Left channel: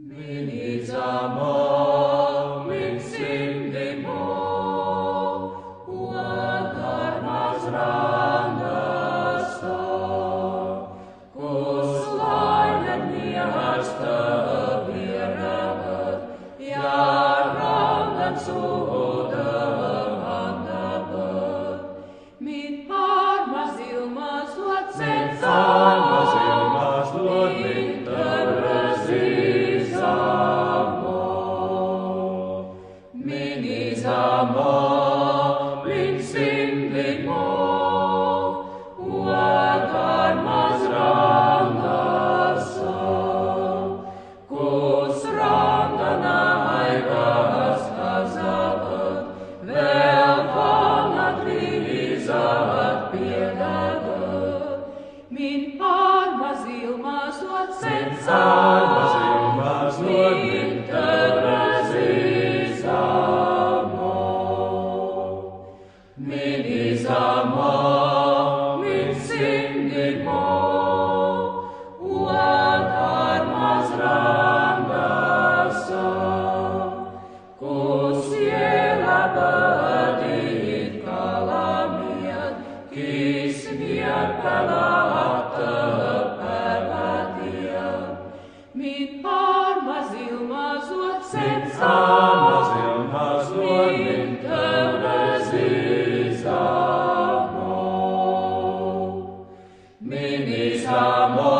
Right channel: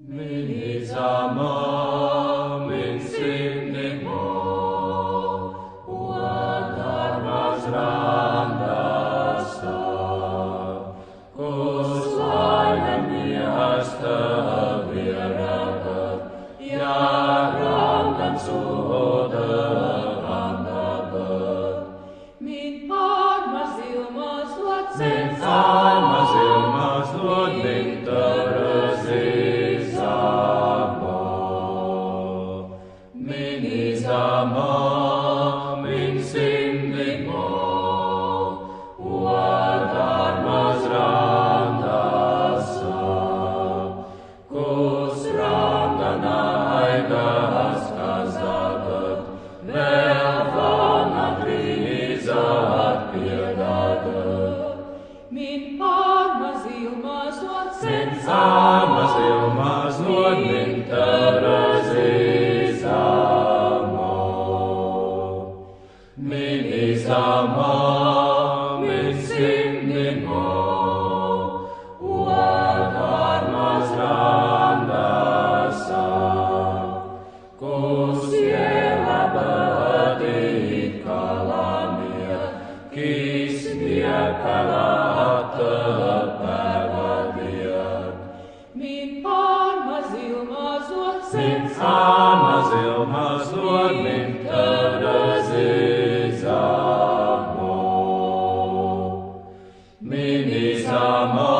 Min isama, min simnimo, uat armas rangasta, kus lainan miehästä vieraat, ja rangan suotan antavat. Min armas ilmas luot sen Armas ilmas luot min törrösi samo. Min isama, min simlimo, uat armas rangassa, kus rangana aikas kasavat, vel vanhat viisaat pienavat. Min armas ilmas luot sen Armas ilmas luot min törrösi samo. Min isama, min simnimo, uat armas rangassa, kus jäävät kalamiat, kismiä pälähtät pälätiat. Min armas ilmas luot sen Armas ilmas luot min törrösi samo. Min isama.